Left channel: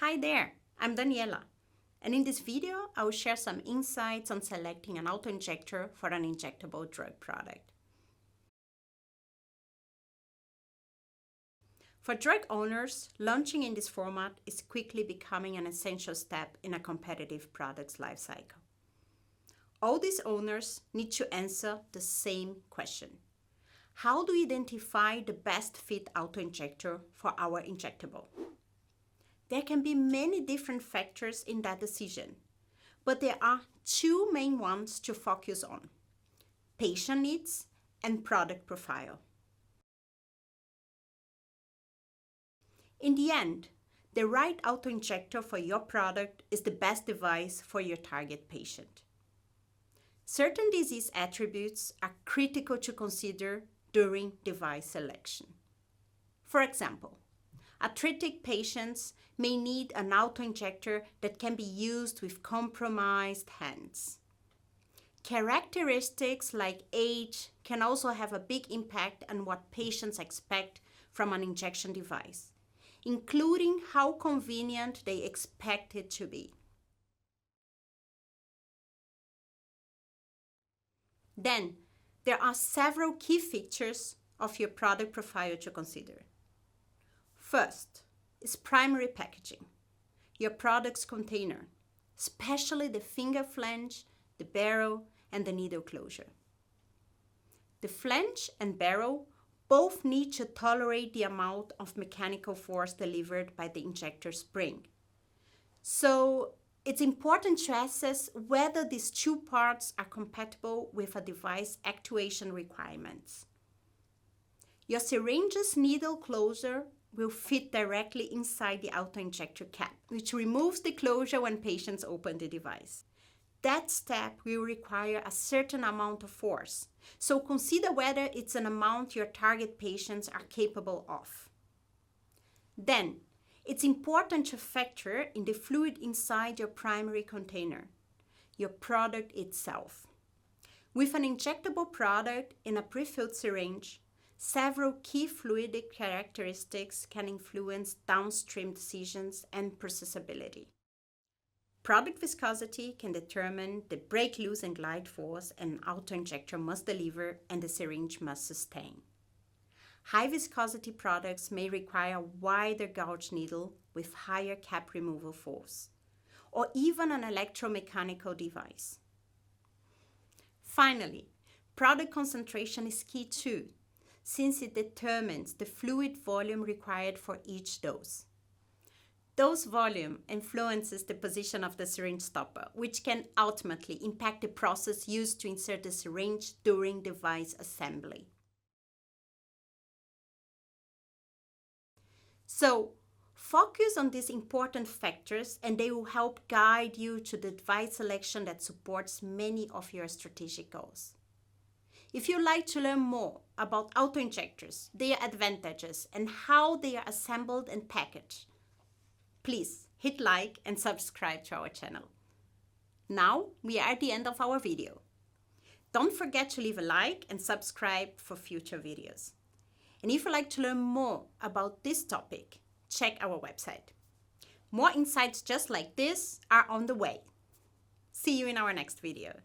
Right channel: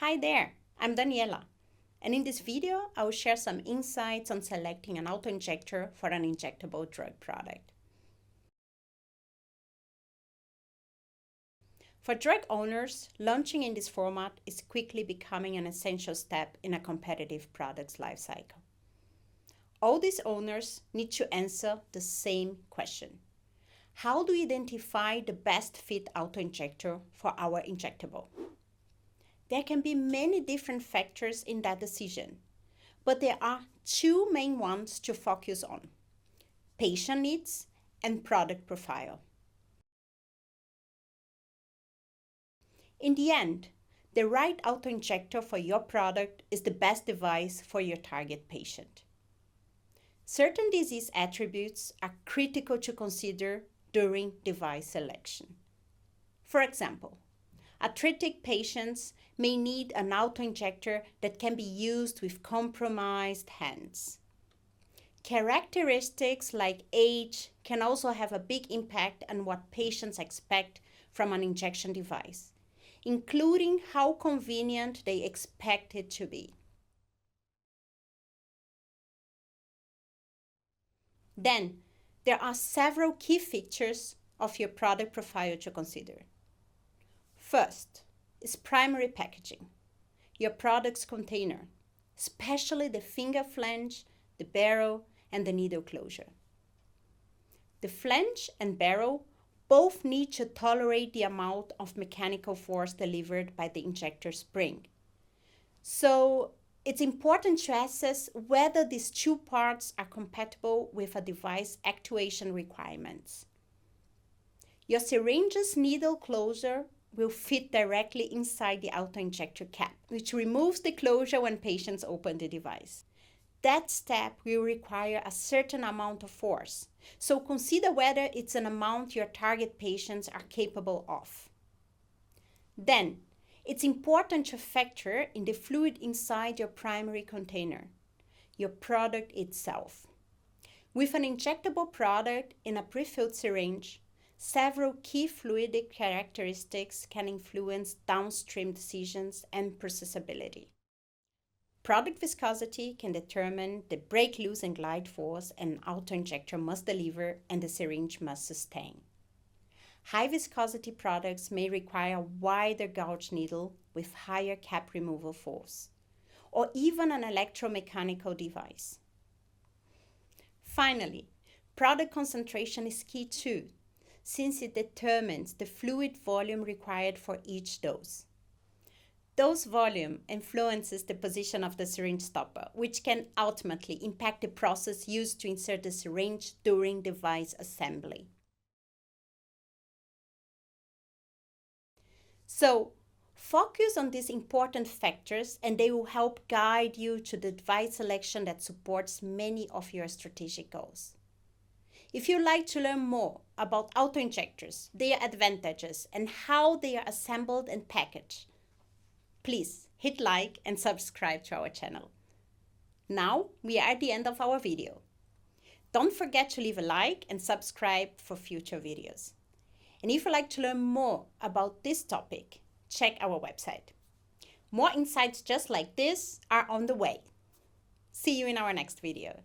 Hi there, I'm Daniela, and in this video I will share some insights on selecting an autoinjector for an injectable drug product. For drug owners, launching in this format is quickly becoming an essential step in a competitive product's lifecycle. All these owners need to answer the same question. How do we identify the best fit autoinjector for our injectable? There can be many different factors in that decision, but there are two main ones to focus on: patient needs and product profile. In the end, the right autoinjector for your product is the best device for your target patient. Certain disease attributes are critical to consider during device selection. For example, arthritic patients may need an autoinjector that can be used with compromised hands. Characteristics like age can also have a big impact on what patients expect from an injection device, including how convenient they expect it to be. Then, there are several key features of your product profile to consider. First is primary packaging, your product's container, especially the finger flange, the barrel, and the needle closure. The flange and barrel both need to tolerate the amount of mechanical force delivered by the injector spring. So it's important to assess whether these two parts are compatible with a device actuation requirements. Your syringe's needle closure will fit directly inside the autoinjector cap, which removes the closure when patients open the device. That step will require a certain amount of force, so consider whether it's an amount your target patients are capable of. Then, it's important to factor in the fluid inside your primary container, your product itself. With an injectable product in a prefilled syringe, several key fluidic characteristics can influence downstream decisions and processability. Product viscosity can determine the break, loose, and glide force an autoinjector must deliver and the syringe must sustain. High viscosity products may require a wider gauge needle with higher cap removal force, or even an electromechanical device. Finally, product concentration is key too, since it determines the fluid volume required for each dose. Dose volume influences the position of the syringe stopper, which can ultimately impact the process used to insert the syringe during device assembly. So, focus on these important factors and they will help guide you to the device selection that supports many of your strategic goals. If you'd like to learn more about autoinjectors, their advantages, and how they are assembled and packaged, please hit like and subscribe to our channel. Now we are at the end of our video. Don't forget to leave a like and subscribe for future videos. And if you'd like to learn more about this topic, check our website. More insights just like this are on the way. See you in our next video.